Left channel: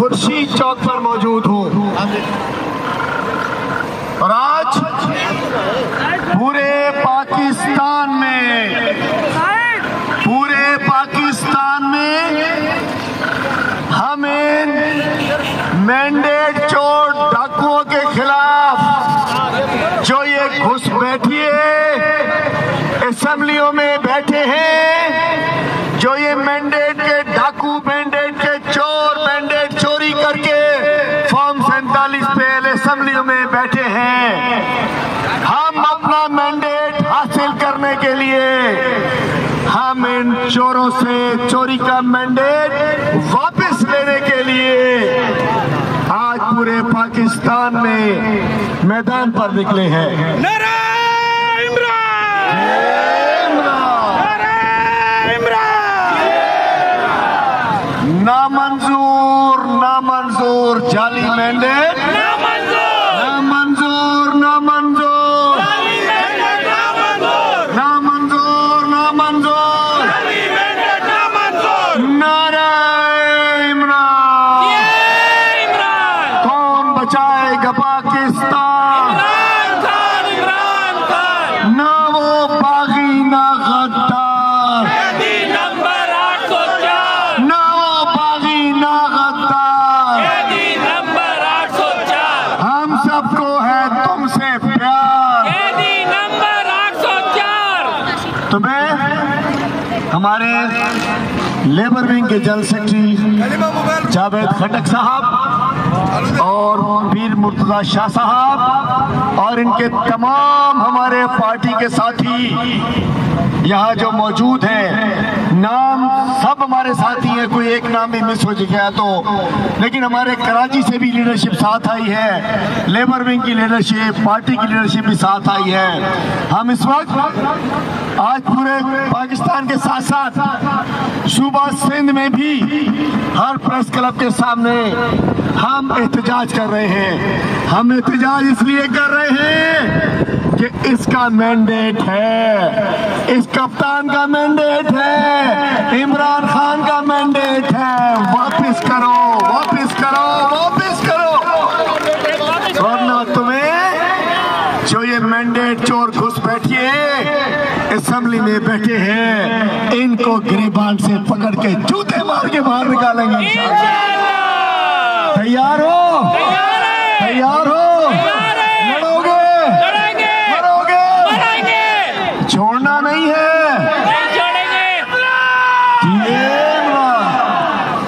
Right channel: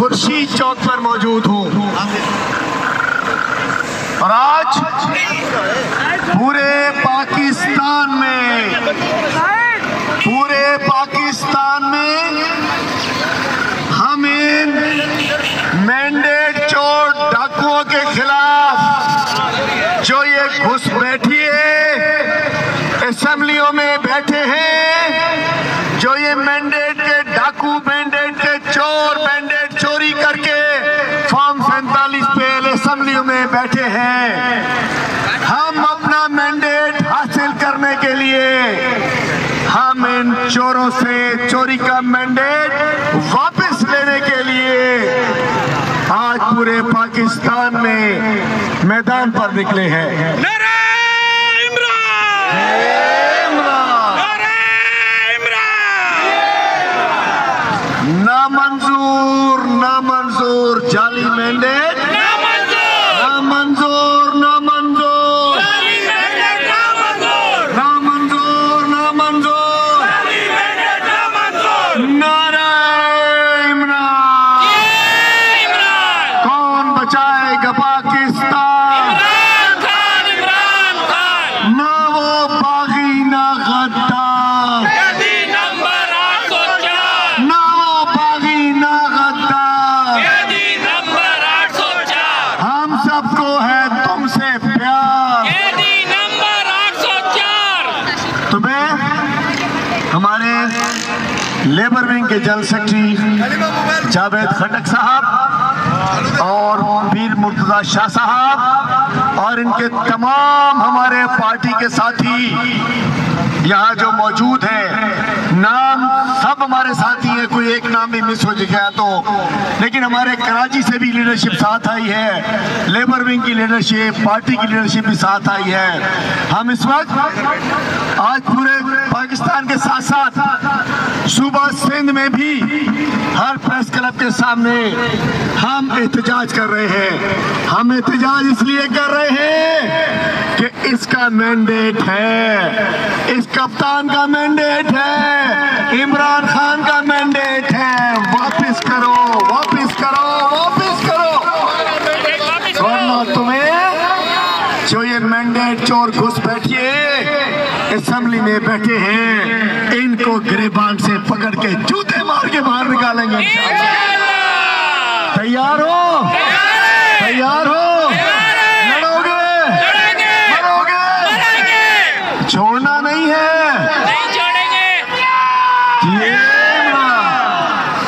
खुर्शीद चौक पर मौजूद हूँ और आज पूरे पाकिस्तान में हमें मैंडेट चोर डाकुओं के खिलाफ जो ये घुसपैठिए असेंबलियों में बैठे हैं, जो ये मैंडेट के डाकू, मैंडेट के चोर, मैंडेट चोरी करके फॉर्म 47 पे असेंबलियों में बैठे हैं, हम अपना मैंडेट हासिल करने के लिए हम इन चोरों से चोरी का मैंडेट वापस लेने के लिए आज पूरे पाकिस्तान में मैदान पर निकले हैं। ना मंजूर, ना मंजूर जाली मैंडेट, ना मंजूर, ना मंजूर, ना मंजूर, ना मंजूर, नारा इमरान। कौन बचाएगा पाकिस्तान? ना वो बागी ना गद्दार, ना वो बागी ना गद्दार। हम सबको है तुमसे प्यार। तुम्हें हमारे लेबर विंग के जनरल सेक्रेटरी जावेद खटक साहब और वीर मुर्तजा शाह साहब और इनके तमाम हमारे पार्टी के साथी यहाँ जो मौजूद हैं, नाम सब हमारे साथी हैं, कोई एक नाम भी मिस हो गया तो, लेकिन हमारे कराची से भी लीडरशिप साथ आई है, लेबर विंग की लीडरशिप, पार्टी की लीडरशिप भी साथ आई है। हम इस वक्त आज पूरे पाकिस्तान के साथ साथ सूबा सिंध में भी हर प्रेस क्लब के सामने हम एहतजाज कर रहे हैं। हम एहतजाज इसलिए कर रहे हैं कि इसका मैंडेट है, इस कप्तान का मैंडेट है, इमरान खान का मैंडेट है। वापस करो, वापस करो, वापस करो, वरना तुम्हें जो ये मैंडेट चोर घुसपैठिए असेंबली में बैठे हैं, इनको गिरेबान से पकड़ के जूते मार के बाहर निकालेंगे इंशाअल्लाह। तैयार हो? तैयार हो? लड़ोगे? मरोगे? छोड़ना नहीं है।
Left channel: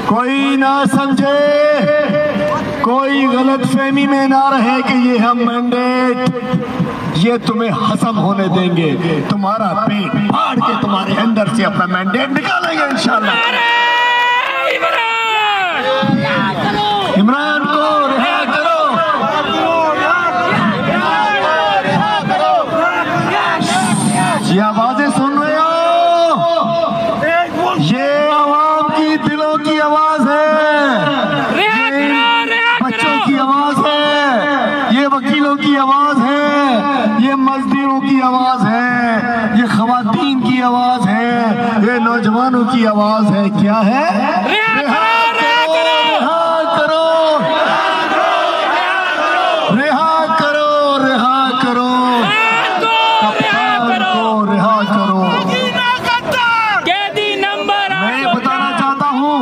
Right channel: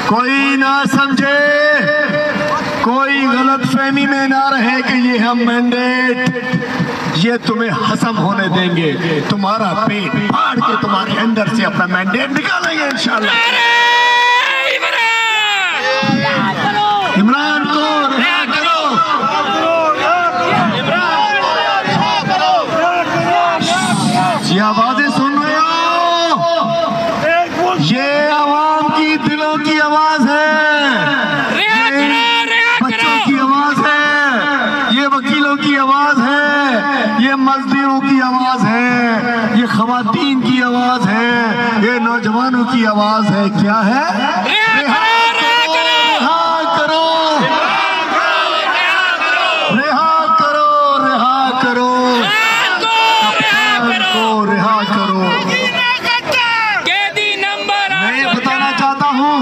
कोई ना समझे, कोई गलतफहमी में ना रहे कि ये हम मैंडेट ये तुम्हें हसम होने देंगे। तुम्हारा पेट फाड़ के तुम्हारे अंदर से अपना मैंडेट निकालेंगे इंशाअल्लाह। इमरान को रिहा करो, ये आवाजें सुन रहे हो? ये आवाम की दिलों की आवाज है, ये बच्चों की आवाज है, ये वकीलों की आवाज है, ये मजदूरों की आवाज है, ये खवातीन की आवाज है, ये नौजवानों की आवाज है। क्या है? रिहा करो, रिहा करो, रिहा करो, रिहा करो, कप्तान को रिहा करो। मैं ये बताना चाहता हूँ,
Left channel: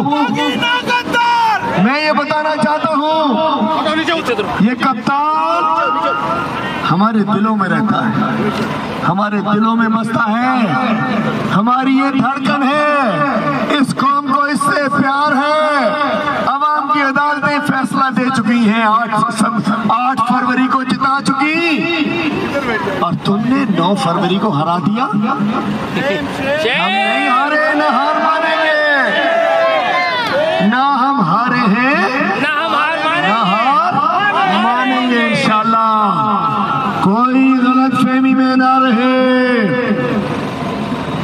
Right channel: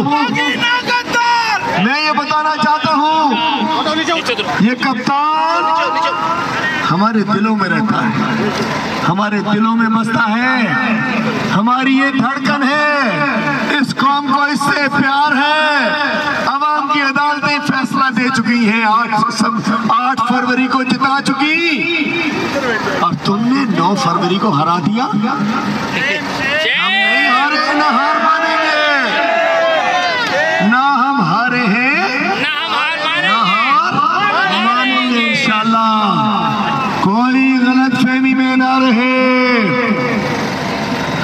मैं ये बताना चाहता हूँ, ये कप्तान हमारे दिलों में रहता है, हमारे दिलों में बसता है, हमारी ये धड़कन है, इस कौम को इससे प्यार है। अवाम की अदालतें फैसला दे चुकी हैं, 8 फरवरी को जिता चुकी, और तुमने 9 फरवरी को हरा दिया। हम नहीं हारे, ना हार मानेंगे, ना हम हारे हैं, ना हार मानेंगे इंशाअल्लाह। कोई गलतफहमी में ना रहे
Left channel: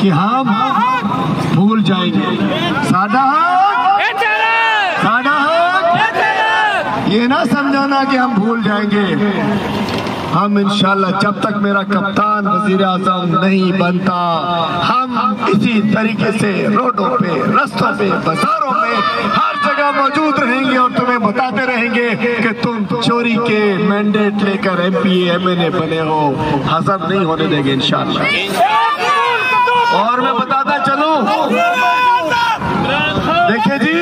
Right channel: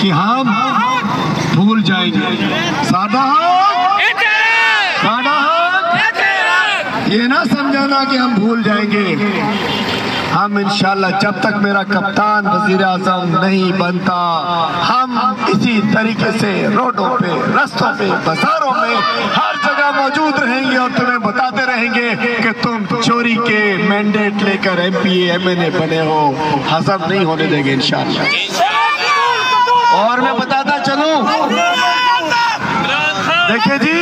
कि हम भूल जाएंगे। सादा हक, सादा हक, ये ना समझाना कि हम भूल जाएंगे। हम इंशाल्लाह जब तक मेरा कप्तान वजीर आज़म नहीं बनता, हम इसी तरीके से रोडों पे, रास्तों पे, बाजारों में हर जगह मौजूद रहेंगे और तुम्हें कहेंगे कि तुम चोरी के मैंडेट लेकर MP MNA बने हो, हजम नहीं होने देंगे इंशाअल्लाह। और मैं बताता चलूं, देखिए जी,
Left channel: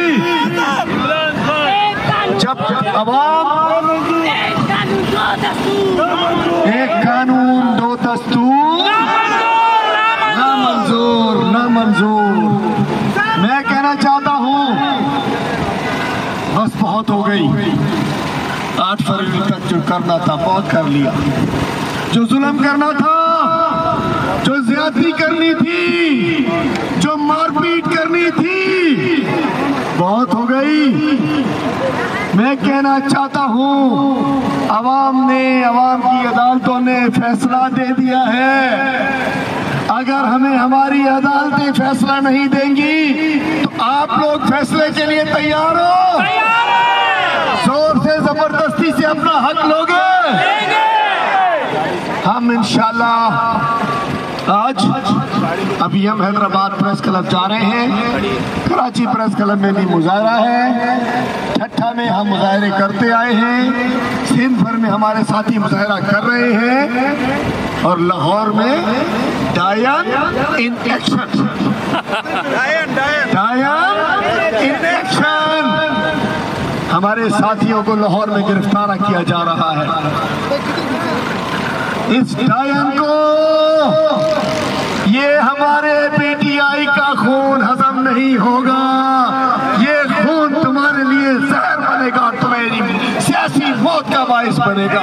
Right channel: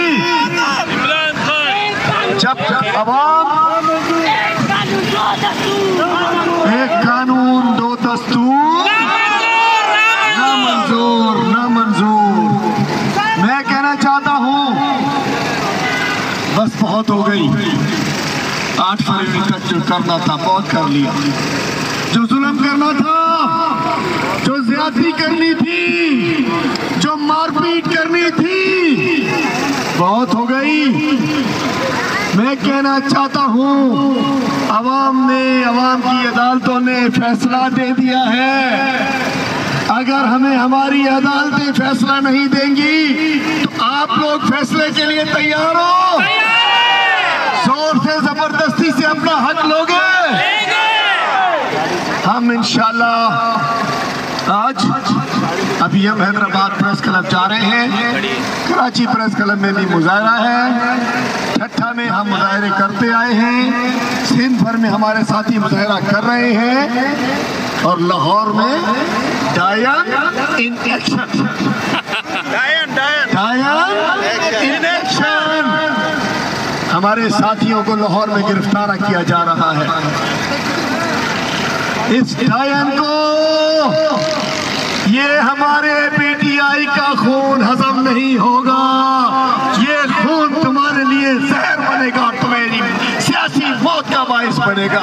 जब अवाम एक कानून दो दस्तूर, ना मंजूर ना मंजूर। मैं कहना चाहता हूं, बस बहुत हो गई। 8 फरवरी तक जो करना था बहुत कर लिया, जो जुल्म करना था, जो ज्यादती करनी थी, जो मारपीट करनी थी, बहुत हो गई। मैं कहना चाहता हूं, अवाम की अदालतों ने फैसला दे दिया है। अगर हमें हमारी अदालतें फैसला नहीं देंगी तो आप लोग फैसले के लिए तैयार हो? जोर से जबरदस्ती से अपना हक लोगे? हम इंशाल्लाह आज अभी हम हैदराबाद प्रेस क्लब जा रहे हैं, कराची प्रेस क्लब में भी मुजाहरा है, ठट्ठा में हम मुजाहरे करते आए हैं, सिंध भर में हमारे साथी मुजाहरा कर रहे हैं, और लाहौर में डायन इन एक्शन हमारे साथियों को लाहौर में गिरफ्तार किया जा रहा है। इस डायन को, ये हमारे PTI का खून हजम नहीं होगा, ये खून तुम्हारे लिए जहर बनेगा, तुम्हारी सियासी मौत का बायस बनेगा।